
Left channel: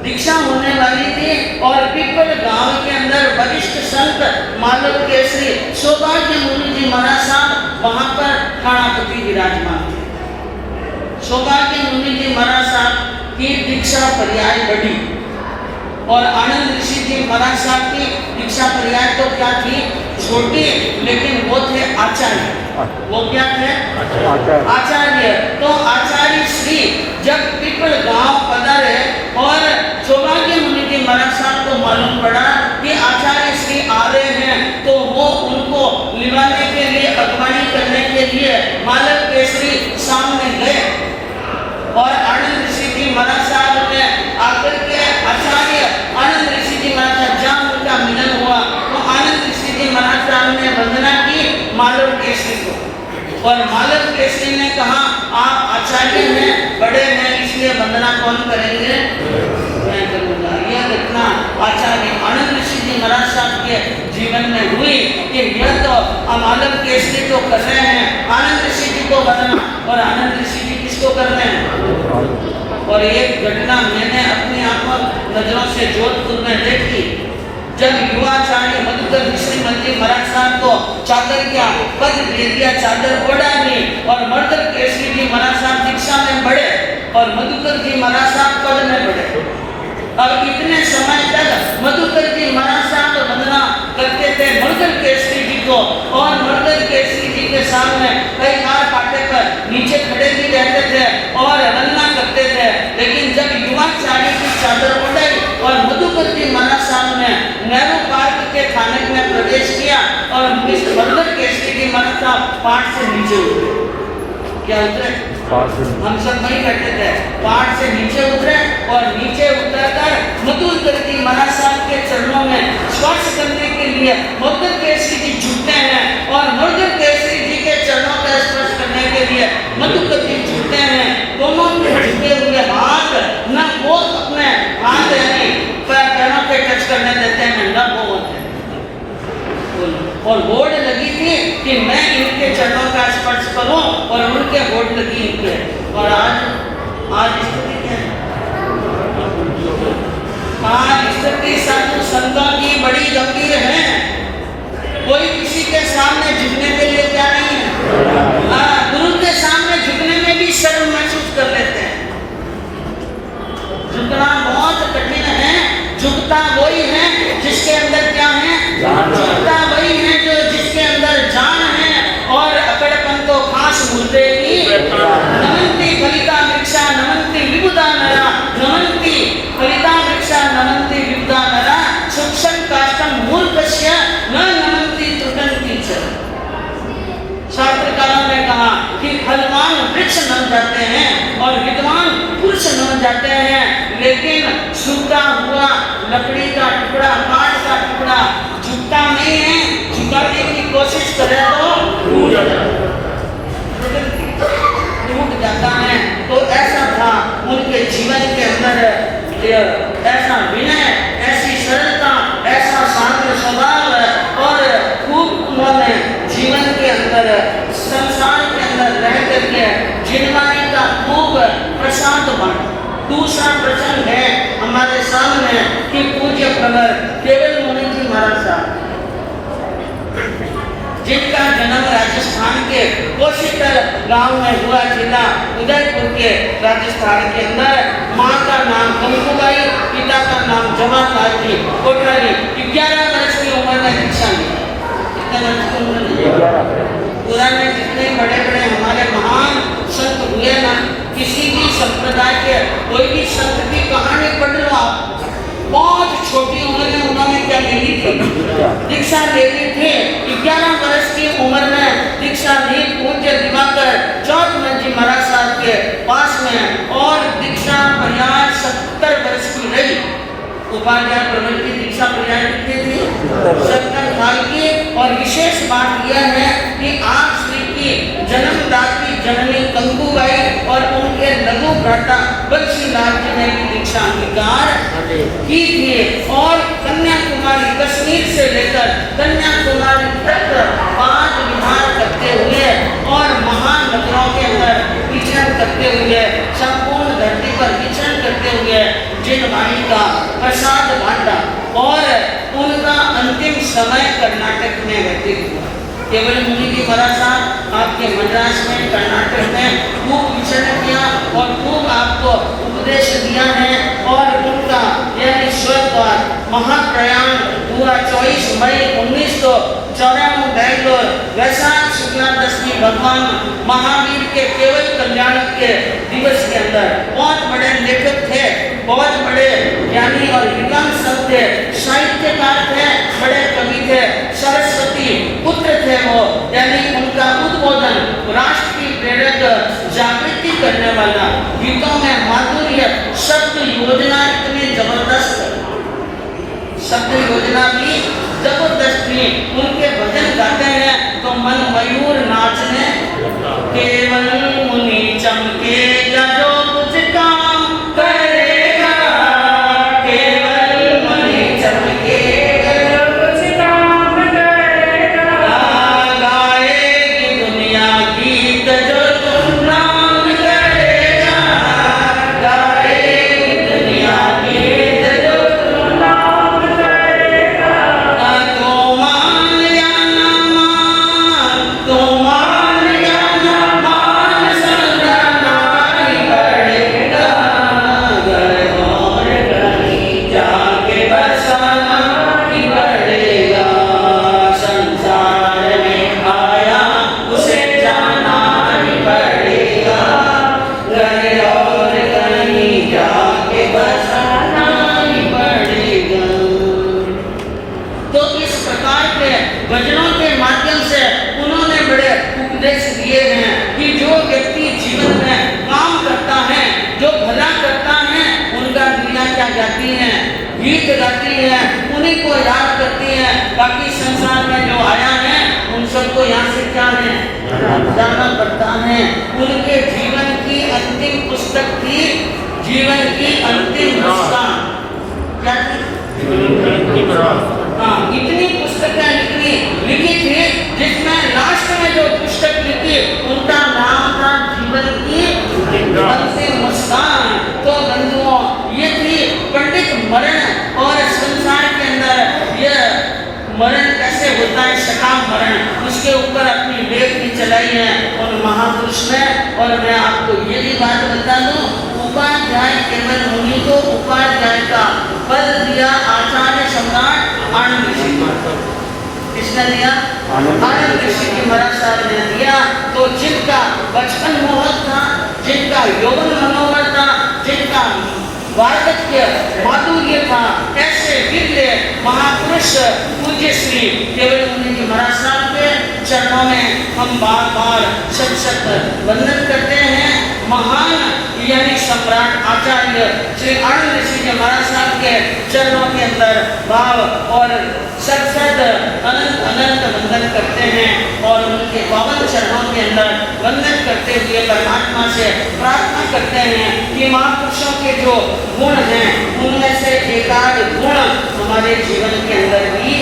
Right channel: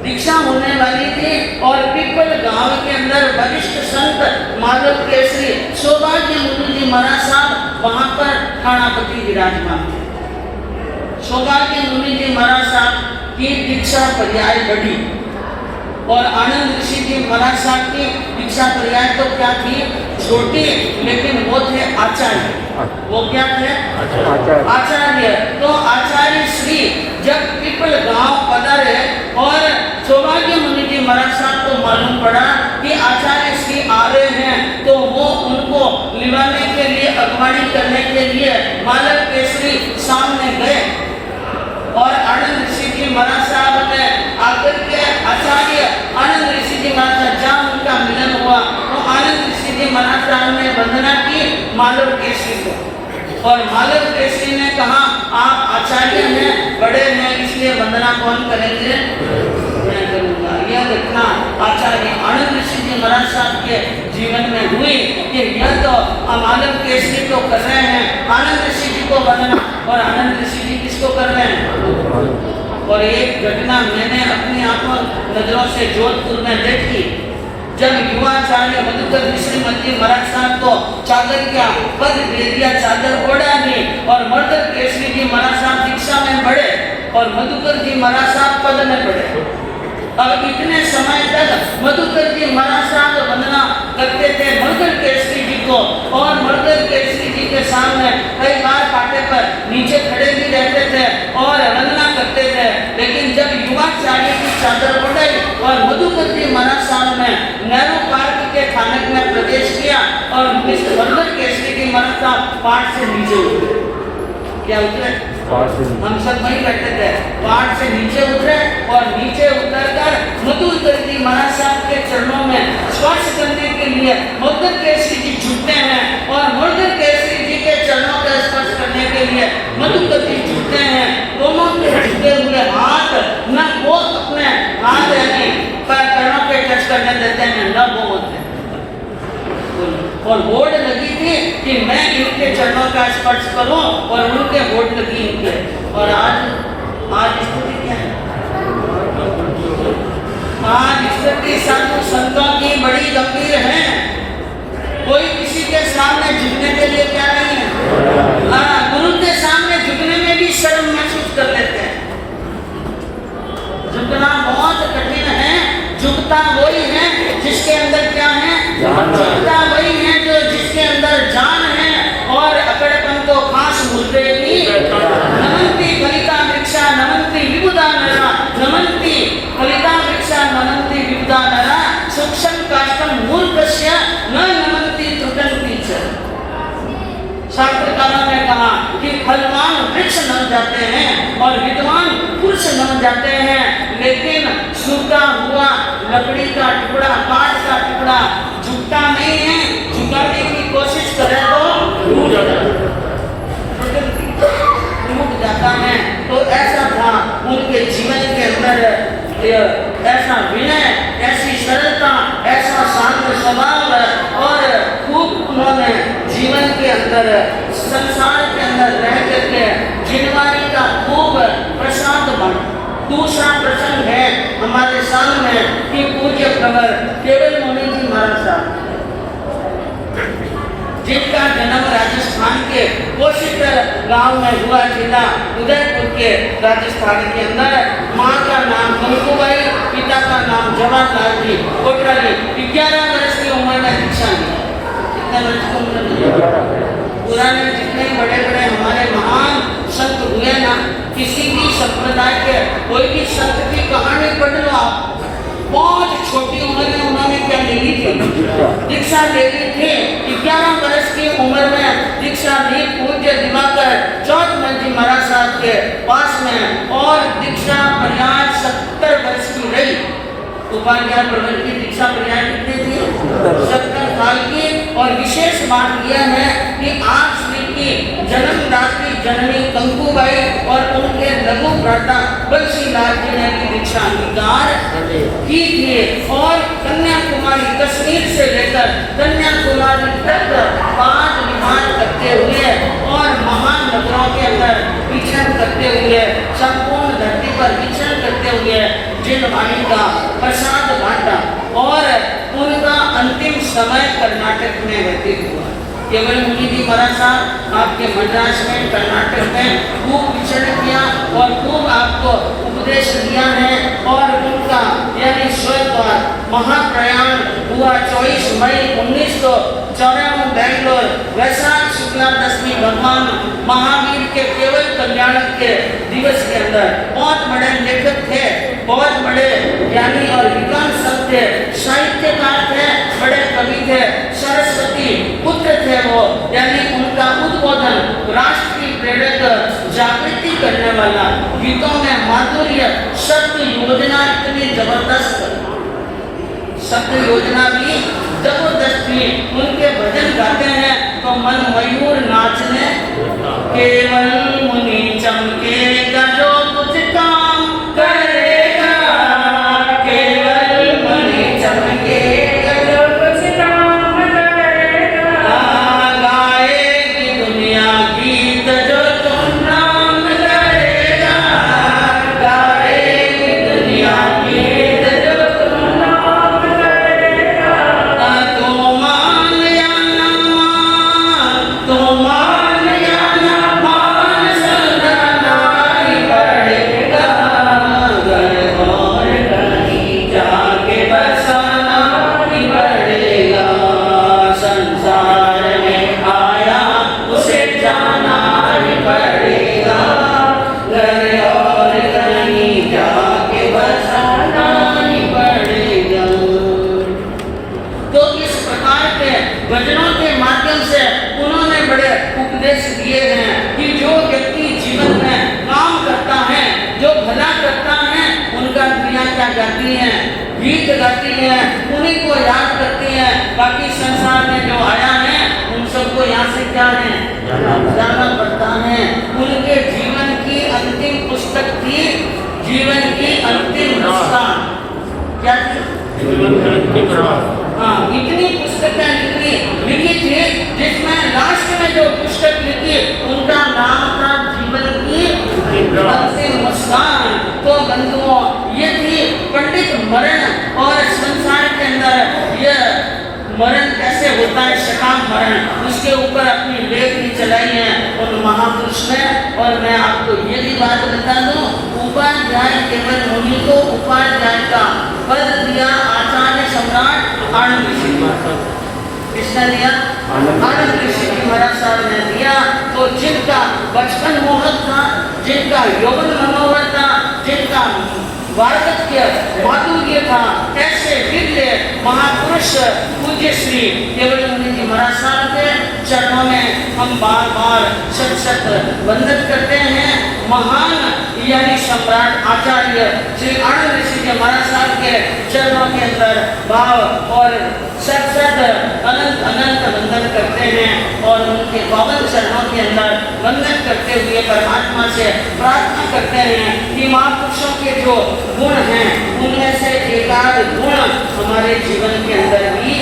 दीक्षा होने वाली थी और पीपल गांव के अंदर वरिष्ठ संत माधव केसरी सौभाग्य मुनि जी महाराज साहब वहां पर थानापति विराजमान थे। सौभाग्य मुनि जी महाराज साहब की दीक्षा पर्याय बढ़ी और आनंद ऋषि जी महाराज साहब की दीक्षा पर्याय तो क्या थी? छोटी, लेकिन वो थे आचार्य। वो क्या थे? आचार्य। तो आचार्य श्री जब पीपल गांव पधारे और सौभाग्य मुनि जी महाराज साहब को मालूम पड़ा कि आचार्य श्री आ रहे हैं, तो वो उनको लिवाने के लिए, अगवानी करने के लिए मालव केसरी सामने गए। और आनंद ऋषि जी महाराज साहब ने आकर के आचार्य आनंद ऋषि जी महाराज साहब जहाँ उनका मिलन हुआ, तो आनंद ऋषि जी महाराज साहब ने वंदना की मालव केसरी को। और मालव केसरी ने कहा आप आचार्य हैं, बड़े हैं, इसलिए वंदना कौन करेंगे? मैं करूँगा। यह घटना आचार्य आनंद ऋषि जी महाराज साहब के जीवन में हुई कि यह तो मालव केसरी को कर रहे हैं, आनंद ऋषि जी को वंदना। और आनंद ऋषि जी किसको कर रहे हैं? और एक घटना मैंने अपनी आंखों नजरों से जोधपुर में देखी। जब युवाचार्य मधुकर मिश्री मंत्री महाराज साहब को चादर का पद दे दिया, चादर ओढ़ा दी और मर्दल केसरी जी महाराज साहब दीक्षा में बढ़े और मधुकर जी महाराज साहब पद में बढ़े। अब इतने समय तक मधुकर जी महाराज साहब वंदना करते थे मर्दल केसरी जी को और मर्दल केसरी जी के सामने कई बार पाटे पर नीचे खड़े भी रहते थे और वंदना करते थे। लेकिन जब युवाचार्य की चादर उड़ाई और मधुकर जी महाराज साहब ने नेहरू पार्क के थाने में प्रवेश किया और मर्दल केसरी जी महाराज साहब पाट से नीचे उतरे। क्या उतरे? हम सब वही करते थे, पहाड़ से नीचे उतरे और नीचे उतरकर मधुकर जी महाराज साहब के चरणों में स्पर्श करने के लिए मर्दल केसरी जी झुकते हैं और मर्दल केसरी जी के चरणों का स्पर्श करने के लिए मधुकर जी झुकते हैं। दोनों के झुके हुए हाथ न वो अपने हाथ यानी पैरों पे टच करने देते हैं, न वो होते हैं। और बोर्ड लगी थी कि मैं इनके चरणों का स्पर्श करूं और उनके बोर्ड लगी इनके। और आज स्थिति क्या है? आज स्थिति साधु संतों की बड़ी गंभीर है। कोई किसी के सामने झुकने के लिए क्या नहीं है। हाँ, गुरु के सामने झुकने में भी शर्म महसूस कर लेते हैं। झुकना बहुत कठिन है। झुकता वही है जिसके अंदर क्या है? झुकता वही है जो जिसके अंदर जान है। और अकड़पन तो खास मुद्दे की नमन्ति फलिता वृक्षा नमन्ति विबुधा नरा, नमन्ति फलिता वृक्षा नमन्ति विबुधा नरा, सूक्ष्म काष्ठम मूर्खस्य न नमन्ति त्रुटन्ति च। शास्त्रकारों ने कहा कि फलवान वृक्ष नम जाते हैं और विद्वान पुरुष नम जाते हैं, लेकिन सूखा हुआ लकड़ी का टुकड़ा, काठ का टुकड़ा झुकता नहीं है। झुकाने की कोशिश करे तो टूट जाता है। उनके जीवन के अंदर ऐसा विनय, ऐसी सरलता, ऐसा शांत स्वभाव और खूब उन्होंने जीवन के अंदर संसार के अंदर रह करके जिनवारी का खूब प्रसाद बना। दूसरा प्रसंग है हमारे सामने कि पूज्य प्रवर केवल मुनि जी महाराज साहब, जिनका जन्म राजस्थान के कोशिकर गांव में हुआ, जिला उदयपुर के राजस्थान के अंदर। माँ का नाम कंकुबाई, पिता का नाम जवाहरलाल जी कोटरा जी। 11 वर्ष की उम्र में दीक्षा ली। कितने वर्ष की उम्र में? पुराने जितने बड़े बड़े हमारे महान संत हुए ना, किसी भी संप्रदाय के कोई भी संत की कहानी पढ़ लो आप, बहुत छोटी उम्र में उन्होंने क्या ले ली थी? दीक्षा ले ली थी। 11 वर्ष की उम्र में दीक्षा ली पूज्य दिवाकर चौथमल जी महाराज साहब के पास में, और दीक्षा पर्याय 70 वर्ष की रही। उपाध्याय प्रवर की दीक्षा पर्याय कितनी थी? 70 साल की। और विशेष बात यह है कि आप श्री की जन्मदात्री जननी कंकुबाई और उनके लघु भ्राता बंशीलाल जी ने भी दीक्षा अंगीकार की थी। और कन्याकुमारी, कश्मीर से लेकर कन्याकुमारी तक 5 विहार करते हुए और महान नगरों के अंदर विचरण करते हुए, संपूर्ण धरती पर विचरण करते हुए जिनवाणी का प्रसाद बांटा, और उनका अंतिम समय कर्नाटक में व्यतीत हुआ। केवल मुनि जी महाराज साहब आपके मद्रास में, कर्नाटक में खूब विचरण किया और खूब आपको उपदेश दिया है। और उनका यानी स्वर्गद्वार महाप्रयाण हुआ 24 मई 1994 बेंगलोर, वैशाख शुक्ला दशमी भगवान महावीर के केवल कल्याण के दिवस के अंदर। बहुत बड़े लेखक थे, बहुत बड़े ज्ञानी और विद्वान सब थे, साहित्यकार थे, बड़े कवि थे, सरस्वती पुत्र थे वो। यानी उनका उद्बोधन राष्ट्र की प्रेरक जागृति करने वाला, गीतों में माधुर्य, शब्द योजना इतनी जबरदस्त, शब्द योजना भी जबरदस्त थी। उनके भजन गाते हैं तो मन मयूर नाचने, केवल मुनि चमकेगा जो कुछ काम करेगा, केवल मुनि चमकेगा जो कुछ काम करेगा, गाएगी दुनिया गीत जो तुम नाम करेगा, गाएगी दुनिया गीत जो तुम नाम करेगा। तो मान या ना मान, तो मान या ना मान, सदा ही पड़ेगा, घर और कहीं जाके बसाना ही पड़ेगा, संसार में आया उसे जाना ही पड़ेगा, घर और कहीं जाके बसाना ही पड़ेगा। तो इस प्रकार के वचनों के माध्यम से उन्होंने बड़े उपदेश दिए हैं कि जो व्यक्ति जीवन में काम करता है, जो भला करता है, उनका दुनिया क्या गाती है? गीत गाती है, उन्हीं को याद करती है। बाकी संसार में जो आया है उन सबको यहाँ से क्या है? जाना पड़ता है। उनके जीवन की अंतिम पुस्तक थी, जीवन की अंतिम मुस्कान। क्या थी? हाँ, इतनी पुस्तकें लिखी थी, जिसमें लास्ट में जो पुस्तक लिखी उनका नाम था जीवन की अंतिम मुस्कान। तो बंधुओं, ये थी पंडित मरण, और संसार के अंदर यह मरण कैसे होता है, सकाम मरण, उसके ऊपर अपनी लेख भी चलाई है उन महापुरुष ने। और मैं आपको ये भी बात बता दूं, उपाध्याय केवल मुनि को उपाध्याय का पद दिया आचार्य सम्राट आनंद ऋषि को। किसने दिया? आनंद ऋषि जी महाराज साहब ने दिया। तो जिनका बचपन मोहक था, जिनका यौवन मनोहर था, जिनका वार्धक्य माधुर्य था, ऐसे दिव्य महापुरुष पूज्य श्री केवल मुनि जी महाराज साहब के चरणों में हम बार बार सत सत वंदन करते हैं। महान यानी सम्राट आचार्य श्री आनंद ऋषि जी महाराज साहब के चरणों के अंदर भाव और सत सत अनंत अनंत वंदन करते हैं और उनके पावन चरणों के अंदर वंदन करते हुए परमात्मा से प्रार्थना करते हैं कि महापुरुषों के जो गुण हैं उनमें से एकाध गुण हमारे जीवन के अंदर भी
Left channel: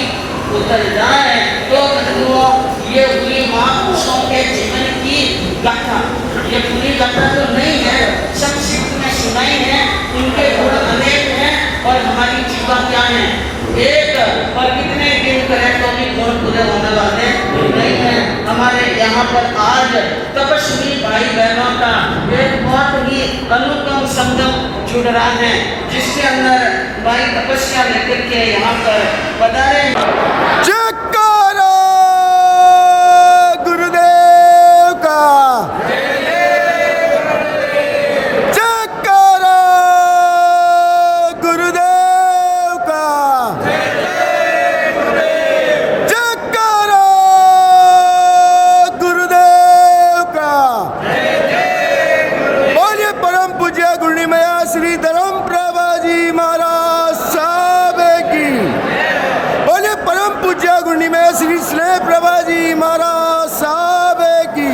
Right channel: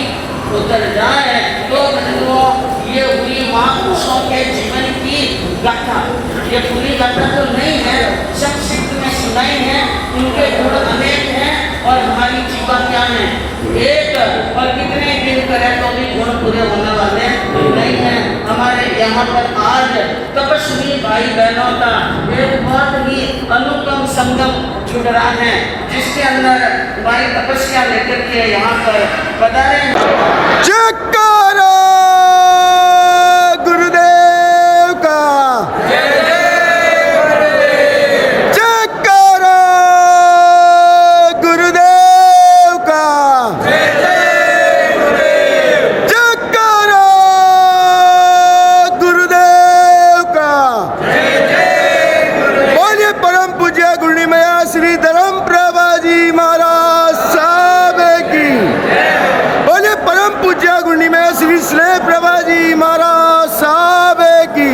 उतर जाए। तो बंधुओं, ये हुई महापुरुषों के जीवन की गाथा। ये पूरी गाथा तो नहीं है, संक्षिप्त में सुनाई है। उनके गुण अनेक हैं और हमारी जीवन क्या है एक, और कितने दिन करें तो भी गुण पूरे होने वाले नहीं है। हमारे यहाँ पर आज तपस्वी भाई बहनों का एक बहुत ही अनुपम संगम जुड़ रहा है, जिसके अंदर भाई तपस्या लेकर के यहाँ पर पधारे। जयकारा गुरुदेव का, जयकारा गुरुदेव का, जयकारा गुरुदेव का। बोलिए परम पूज्य गुरुनिमया श्री धर्म प्रभा जी महाराज साहब की। बोले परम पूज्य गुरुनिमय श्री स्नेह प्रभा जी महाराज साहब की।